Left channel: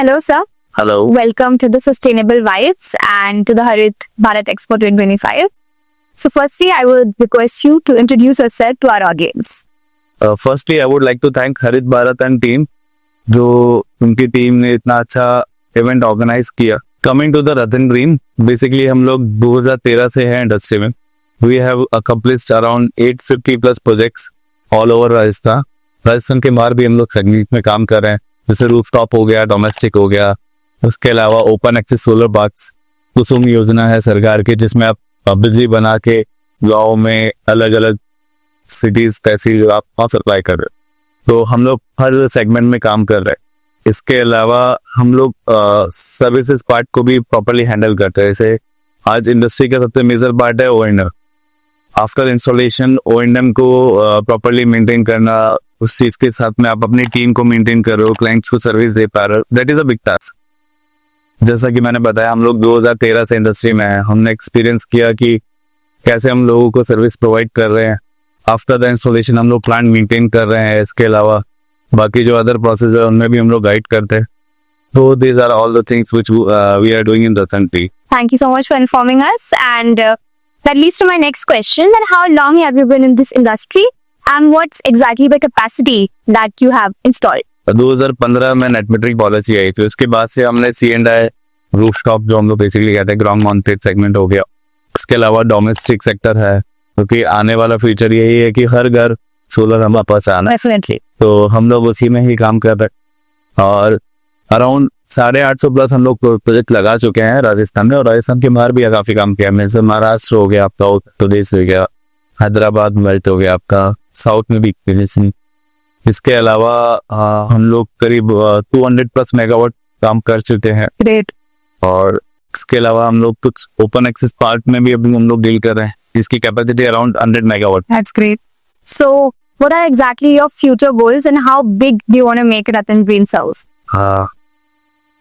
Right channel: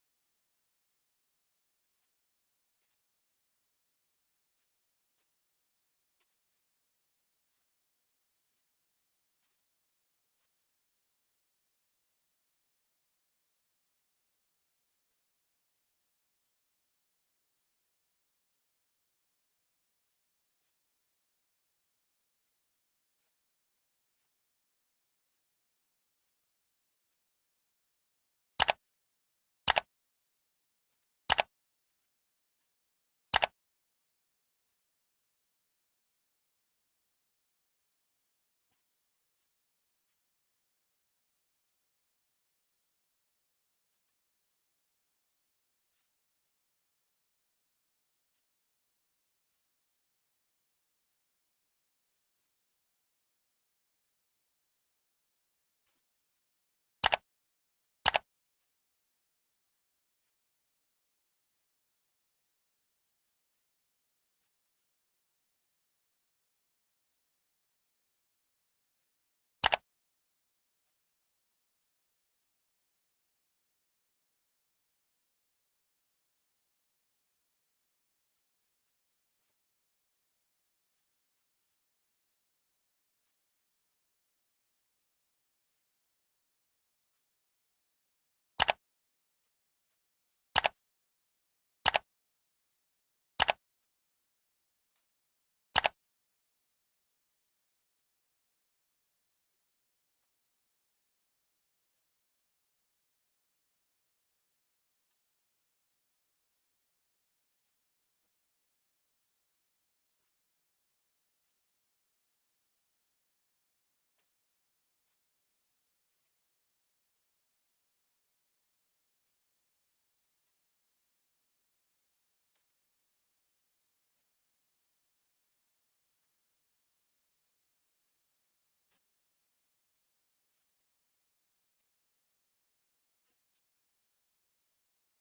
Hello, sir. Hello. Welcome to the Sustainable Vibes and to the Harit Bharat Expo 2025. So, firstly, I would request you to introduce yourself to our audience. Firstly, I would like to thank हरित Bharat and team, जो उनकी team ने इतना अच्छा event organise किया. Coming to the Ratan dream, basically हम लोग 2013 से हैं इंडस्ट्री में. We have accomplished around 850 plus projects all over Rajasthan. Rajasthan के बाहर भी हम लोग सेगमेंट में काम कर रहे हैं, जैसे रूफटॉप हो गया, डोमेस्टिक हो गया. उसके अलावा ओपन एक्सेस सोलर पार्क्स, कुसुम योजना है सरकार की, जिसमें आप बिजली बना के गाँव में अलग अलग सिटीज तहसील आप वहाँ सप्लाई कर रहे हो. तो हम लोग हर सेगमेंट में काम कर रहे हैं. इसके अलावा हम लोग सर्विसेज पार्ट को भी प्रॉपरली हैंडल करते हैं. जैसे आज इंडस्ट्री का सबसे मेजर पार्ट है O&M. आफ्टर इंस्टॉलेशन O&M को प्रॉपरली मेंटेन करना, उस चीज के साथ में आप अपनी टीम को मेंटेन कर रहे हो, क्लाइंट्स को सर्विस दे पा रहे हो, that is a big task. जैसा कि मैंने बताया, हम लोग 2013 से इंडस्ट्री में हैं. हमने एक्सपीरियंस किया कि कैसे हम लोगों को सर्विस प्रोवाइड कर रहे हैं. आफ्टर द इंस्टॉलेशन हम लोग प्लांट मेंटेन कर रहे हैं. इसके अलावा बाकी जो अदर प्रोसेस है उनमें भी हम लोग गाइड करते हैं. तो these are all the things which we are doing in the country. Thank you so much for informing us. And that leads to my next question: that how long have you been in this industry, and what's exactly the capacity that you have installed? 2015 में net metering policy आई, तो इसके बाद से हमने C&I rooftop, जो हम लोग basically कहते हैं ग्राउंड माउंटेड सेगमेंट हो गया. उसके अलावा डोमेस्टिक सेक्टर है, क्योंकि आने वाला फ्यूचर यही है कि हर घर सोलर हमारे पास आना है. Definitely. तो हम लोग उसी में ही काम कर रहे हैं. और अराउंड 850 प्लस हम लोग प्रोजेक्ट लगा चुके हैं राजस्थान में, और राजस्थान के बाहर भी काफी काम किया. जैसे महाराष्ट्र हो गया आपका, उत्तर प्रदेश हो गया, हैदराबाद बेल्ट हो गया आपका, साउथ में भी. इसके अलावा हम लोग करीब 200 प्लस मेगावाट काम कर चुके हैं. Great. और इसके अलावा हम लोग कुछ ओपन एक्सेस पार्क में भी अभी हम लोग डील कर रहे हैं, जिसकी capacity around 100 megawatt. That's great. So, what are exactly your future goals, and how big do you want to make Ratan Green Cells?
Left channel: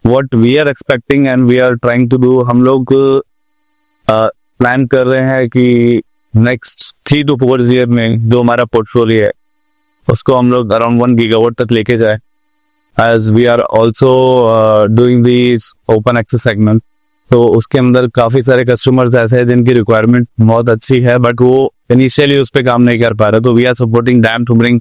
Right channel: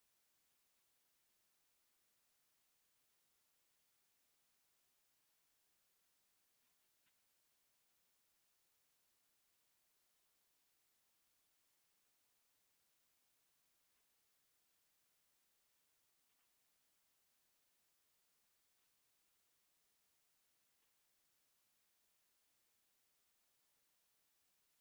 What we are expecting and we are trying to do, हम लोग plan कर रहे हैं कि next 3 to 4 year में जो हमारा portfolio है उसको हम लोग अराउंड 1 गीगावाट तक लेके जाए. As we are also doing the open access segment, तो उसके अंदर काफी सारे कस्टमर्स ऐसे हैं जिनकी रिक्वायरमेंट बहुत अच्छी है, बट वो इनिशियली उस पर काम नहीं कर पा रहे. तो we are supporting them to bring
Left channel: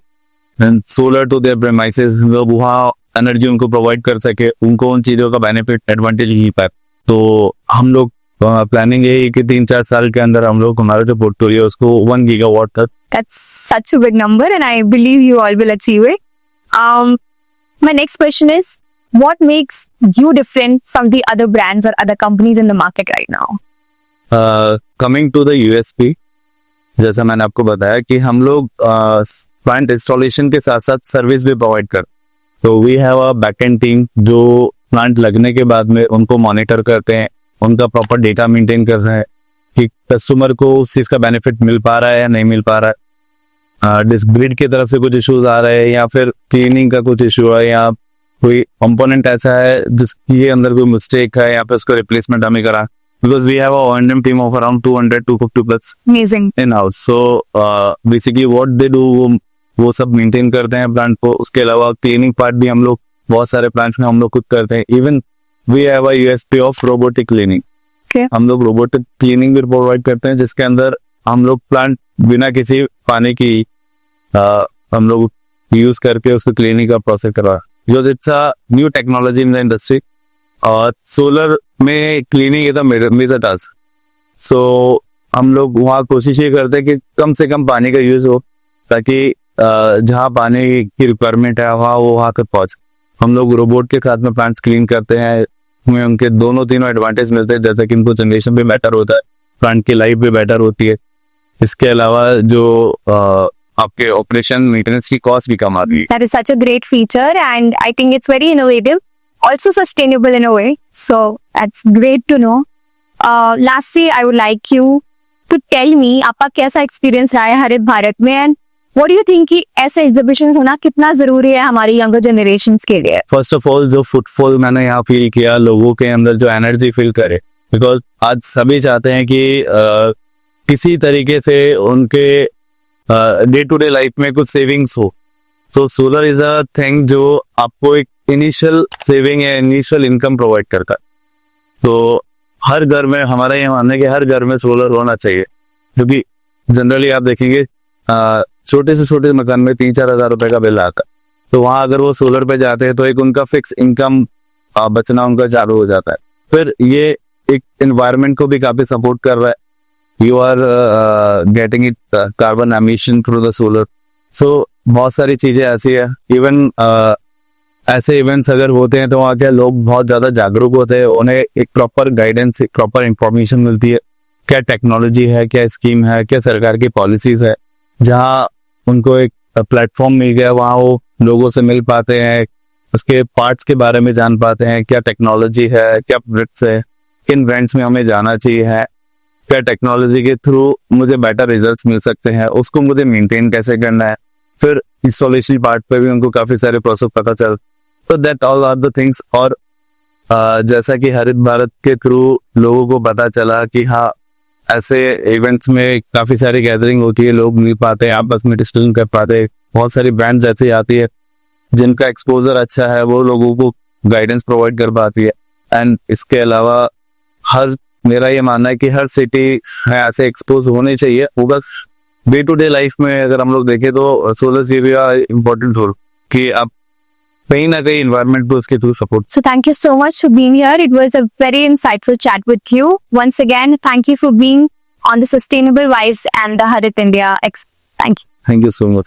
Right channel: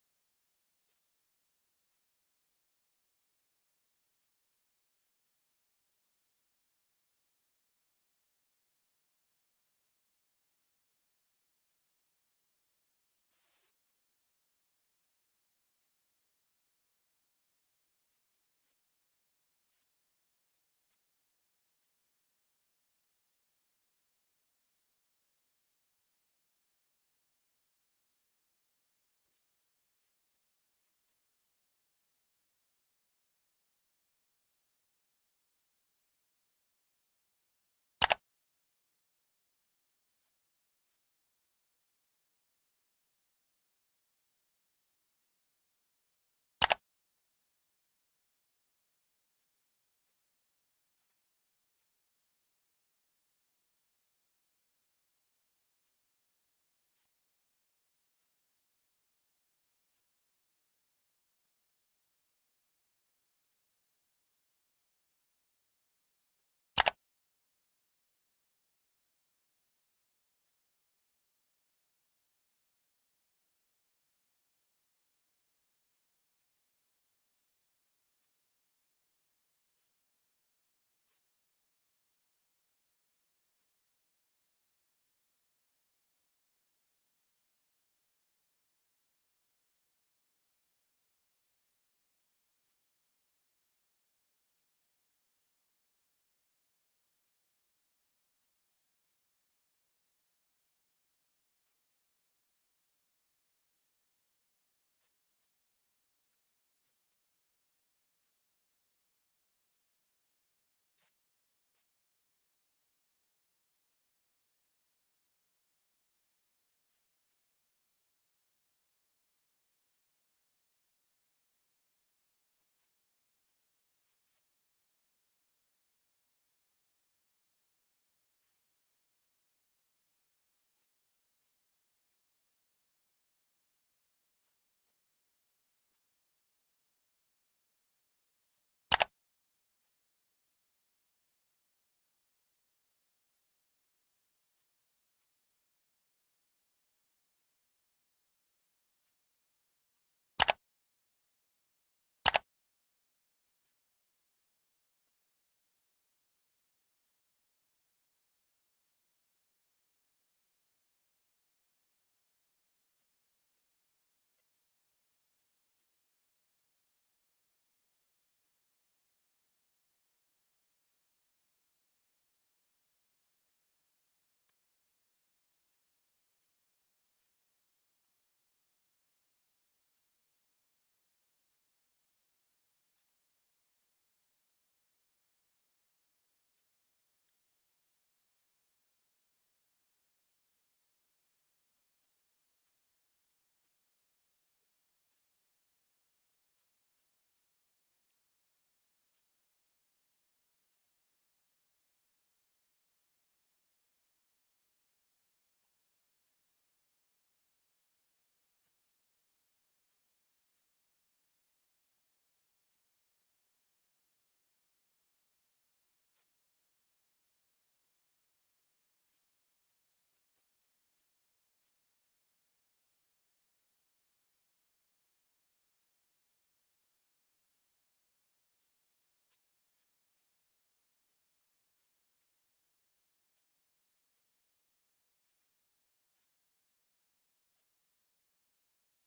solar to their premises. वहाँ एनर्जी उनको प्रोवाइड कर सके, उनको उन चीजों का बेनिफिट एडवांटेज ही पाए. तो हम लोग प्लानिंग यही है कि 3-4 साल के अंदर हम लोग हमारा जो पोर्टफोलियो उसको 1 गीगावाट तक. That's such a big number, and I believe you all will achieve it. My next question is, what makes you different from the other brands or other companies in the market right now? Coming to the USP, जैसा मैंने आपको बताया कि हम लोग plant installation के साथ साथ सर्विस भी प्रोवाइड कर. तो we have a backend team जो प्लांट लगने के बाद में उनको मॉनिटर करते हैं, उनका प्रॉपर डेटा मेंटेन कर रहे हैं कि कस्टमर को उस चीज का बेनिफिट मिल पा रहा है या नहीं मिल पा रहा है. ग्रिड की तरफ से कुछ इश्यूज आ रहे हैं, या फिर क्लीनिंग का कुछ इशू है, या कोई कंपोनेंट ऐसा है जिसके अंदर कोई मिस्टेक है, या फिर उसको रिप्लेसमेंट हमें करा. Because we have a O&M team of around 200-250 plus Amazing. In house. So basically what they do, वो सब मेंटेन करते हैं प्लांट को. उसके अलावा क्लीनिंग पार्ट भी हम लोग बहुत सारे प्लांट्स में हम लोग खुद करते हैं. Even we have a USP of robotic cleaning. हम लोग रोबोटिक क्लीनिंग भी प्रोवाइड करते हैं, जिसके अंदर हम लोग प्लांट बिना किसी पानी की हम लोग यूज करके उसको क्लीनिंग का प्रोसेस करवा. Because it's a new technology in the industry, और सोलर में cleaning is a major task. So हम लोग वहाँ कोशिश ये करते हैं कि कम से कम पानी का यूज हो, ताकि जहाँ पानी की रिक्वायरमेंट है वहाँ तक पहुंच. हम लोग रोबोट के साथ में प्लांट्स क्लीन करते हैं, हमें उनके तीनों एडवांटेज मिलते हैं. जैसे कि इनको जनरेशन भी बेटर होता है, प्लांट की लाइफ भी बेटर होती है. इसके अलावा जो आपके ऑपरेशन मेंटेनेंस की कॉस्ट भी कम आती है. That is such a great feature, and I think it's very innovative, also sustainable in a way. So that's great to know. Lastly, I would like you to tell me आपका कैसा experience रहा है हरित भारत में, and what do you think कि ऐसे exhibition होना कितना जरूरी है हमारी यंगर जनरेशन के लिए? फर्स्ट ऑफ ऑल, जो फुटफॉल मैंने यहाँ फील किया, लोगों के अंदर जो एनर्जी फील करे, बिकॉज आज सभी चाहते हैं कि किसी तरीके से उनके डे टू डे लाइफ में कुछ सेविंग्स हो. तो सोलर इज अ थिंग जो आपको एक इनिशियल सेविंग या इनिशियल इनकम प्रोवाइड करता है। तो हर घर में, हमारा ये मानना है कि हर घर में सोलर होना चाहिए, क्योंकि जनरली आप देखेंगे छोटे से छोटे मकान में 3-4 हजार रुपए का बिल आता है। तो वहां अगर वो सोलर पे जाते हैं तो एक उनका फिक्स इनकम बचना उनका चालू हो जाता है। फिर ये एक एनवायरनमेंट को भी काफी सपोर्ट कर रहा है। You are getting it carbon emission through the solar. So बहुत सारी चीजें ऐसी है। इवन ऐसे इवेंट्स अगर होते हैं तो वहाँ क्या लोग बहुत ज्यादा जागरूक होते हैं, उन्हें एक प्रॉपर गाइडेंस, एक प्रॉपर इंफॉर्मेशन मिलती है, क्या टेक्नोलॉजी है, क्या स्कीम है, क्या सरकार की पॉलिसीज है। जहाँ उनको एक प्लेटफॉर्म मिल गया, वहाँ वो लोगों से मिल पाते हैं, उसके पार्ट्स के बारे में जान पाते हैं, क्या टेक्नोलॉजी है, क्या प्रोडक्ट्स है, किन ब्रांड्स में हमें जाना चाहिए है, क्या टेक्नोलॉजी के थ्रू मुझे बेटर रिजल्ट्स मिल सकते हैं, उसको मुझे मेंटेन कैसे करना है। फिर इंस्टॉलेशन पार्ट पे भी उनको काफी सारे प्रोसेस पता चल। तो that all are the things. और जैसा कि हरित भारत के थ्रू लोगों को पता चला कि हाँ, ऐसे इवेंट्स में काफी सारी गैदरिंग होती है, लोग मिल पाते हैं, आपस में डिस्कशन कर पाते हैं, बहुत सारी ब्रांड्स ऐसी आती है जिनका एक्सपोजर अच्छा है, वो लोगों को गाइडेंस प्रोवाइड कर पाती है। एंड इसके अलावा मेरा ये मानना है कि हर सिटी में ऐसे एक्सपोज होने चाहिए। वो बस डे टू डे लाइफ में अगर हम लोग देखें तो सोलर से भी इम्पोर्टेंट रोल कि आप कहीं ना कहीं इन्वायरमेंट को उसके through support. So thank you so much for being here. It was a very insightful chat with you. Once again, thank you for being on the Sustainable Vibes and the Harit India. Thank you. Thank you so much.